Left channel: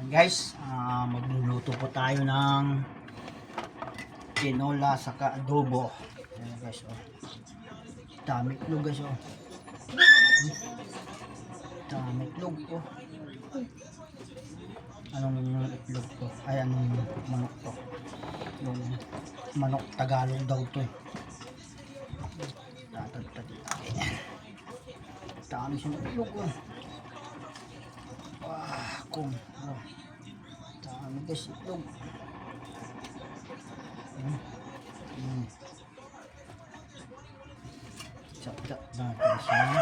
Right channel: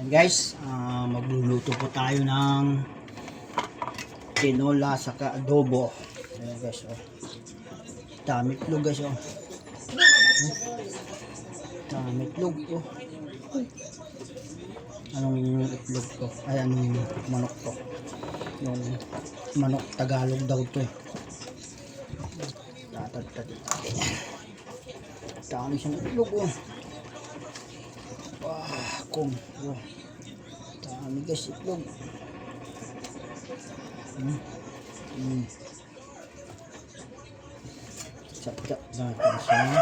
Yan guys, magluluto po tayo ng tinola saka adobo. Ayan guys, oh. Dami itlog guys, oh. Dami itlog, oh. Anong itlog to? Ay, anong manok to? Yung manok Tagalog daw to, eh. Dami siyang itlog, oh. Wah, kung, oh. Dami guys itlog. Chop-chop natin siya.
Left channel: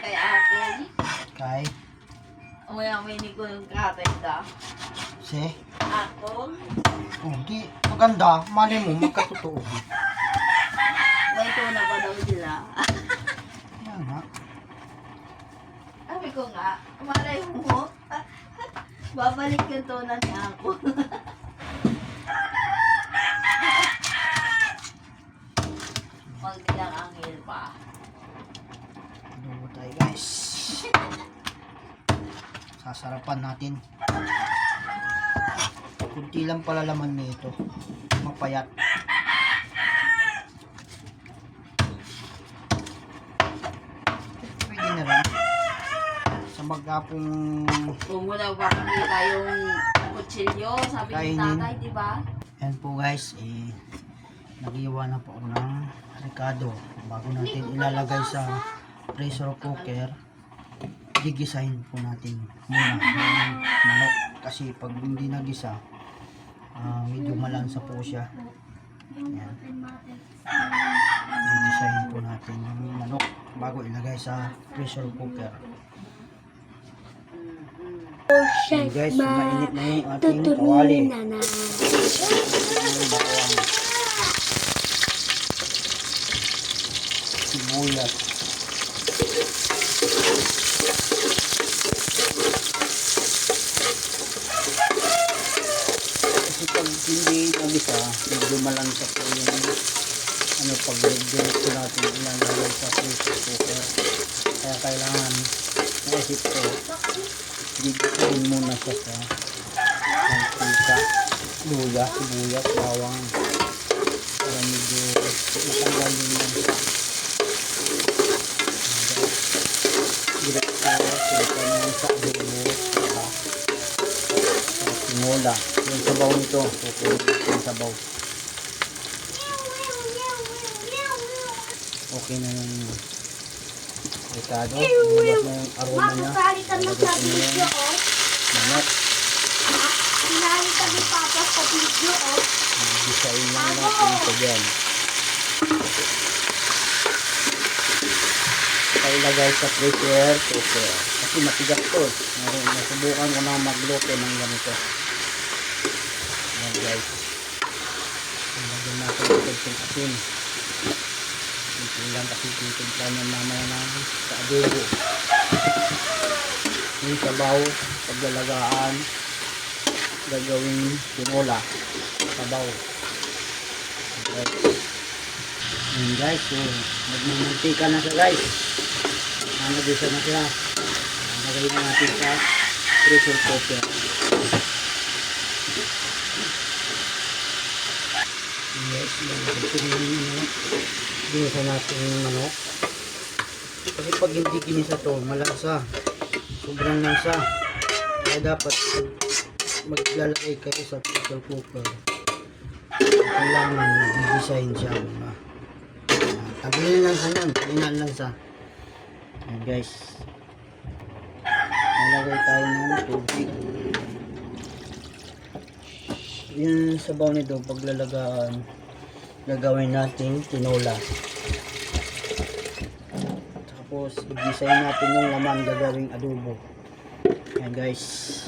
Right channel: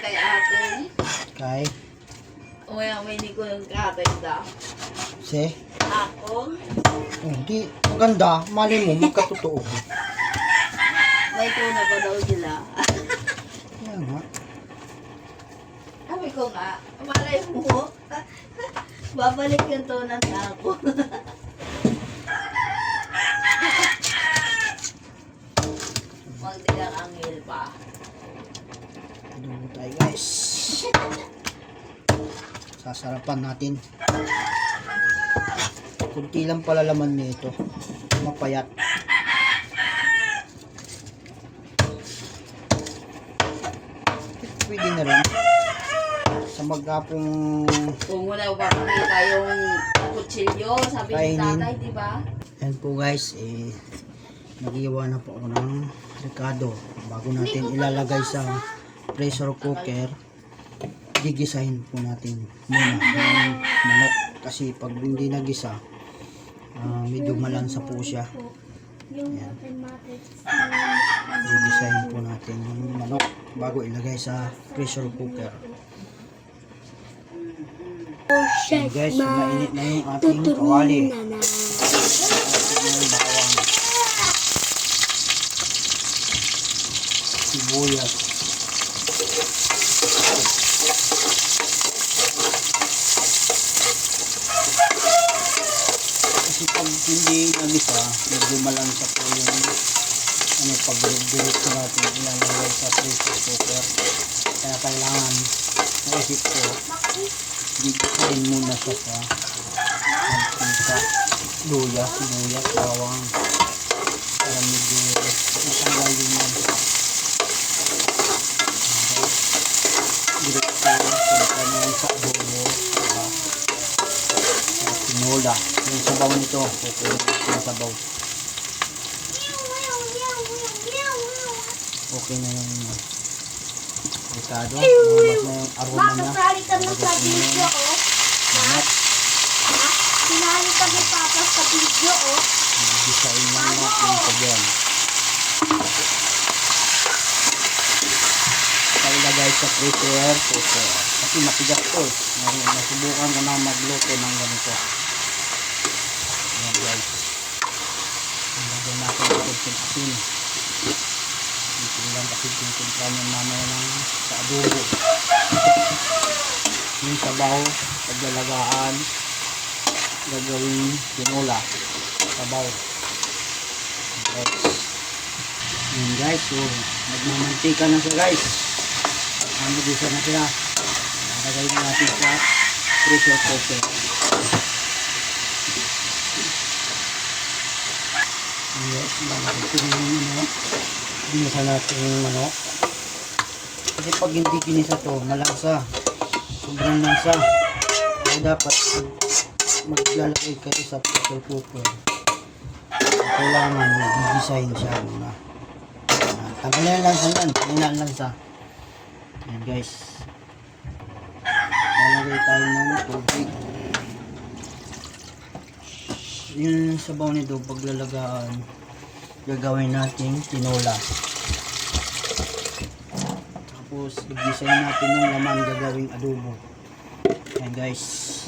Kay atin. Kay? Umay ni ko ng katay da. Si? Akon. Oh, di maganda. Mali mo, magkatotoo. May ko na ba daw sila? Yan nga. Sabi ko nga, malay mo. Babalik yung tunan na ako. Magdilang angil pa. Adobo tayo guys. Sasarapan natin. Kunti lang pala laman nito. Mapayat. Pwede na rin. Sa magkapong Kung wala ba kita yung kutsilyo, sabi ni kainin. tatay, di ba? Yan po guys, nag-iwa na po ako ng ricado. Bago natin ilalagay sa pressure cooker, gigisahin po natin muna yung manok. Kasi pag hindi nagisa, medyo malansa po siya. Yan. Gigisahin po natin yung manok bago ilagay sa pressure cooker. Yan guys, mainit na yung ating kawali. Bawang, sibuyas, kasi pag hindi nagisa, medyo malansa po yung pag dinit ko natin ilalagay sa pressure cooker. Kaya kailangan naisip ko, gigisahin muna siya sa mantika, luya, sibuyas, bawang, para medyo matanggal yung direkto silipan yan sa adobo sa tinola. Yung sabaw nito, kukunin yung sabaw. Okay na lang yun. Ricado, lumabas na yung aroma niya. Makasali ka na sa video, oh. Manok. Sinali ka ni Papa sa video, oh. Gisain lang natin ito dyan. Ilagay sa pressure cooker. Kasi mapigat to. Nasubukan ko na magluto ng ganito. Ayan guys. Ilagay natin ito sa asin. Ito lang kasi titimpla ng mamaya na sa adobo. Yung sabaw, paglalagaan, gagawin tinola. Sabaw. Ayan guys, so nagmamantika na siya guys. Nagisa na siya. Lagay na natin sa pressure cooker. Yes, natin yung manok. Ginisa natin yung manok. Kasi pag hindi ginisa to, malasa. Sobrang lansa. Kaya dapat maglalagay kayo sa pressure cooker. Kailangan gigisahin siya muna. Tanggalin lang sa yan. Hinaan lang sa. Ayan guys. Nalagay tayo ng tubig. Yung sabaw nito paglalagaan, gagawin natin tinola. Tapos, gisahin natin yung laman gagawing adobo. Ayan guys.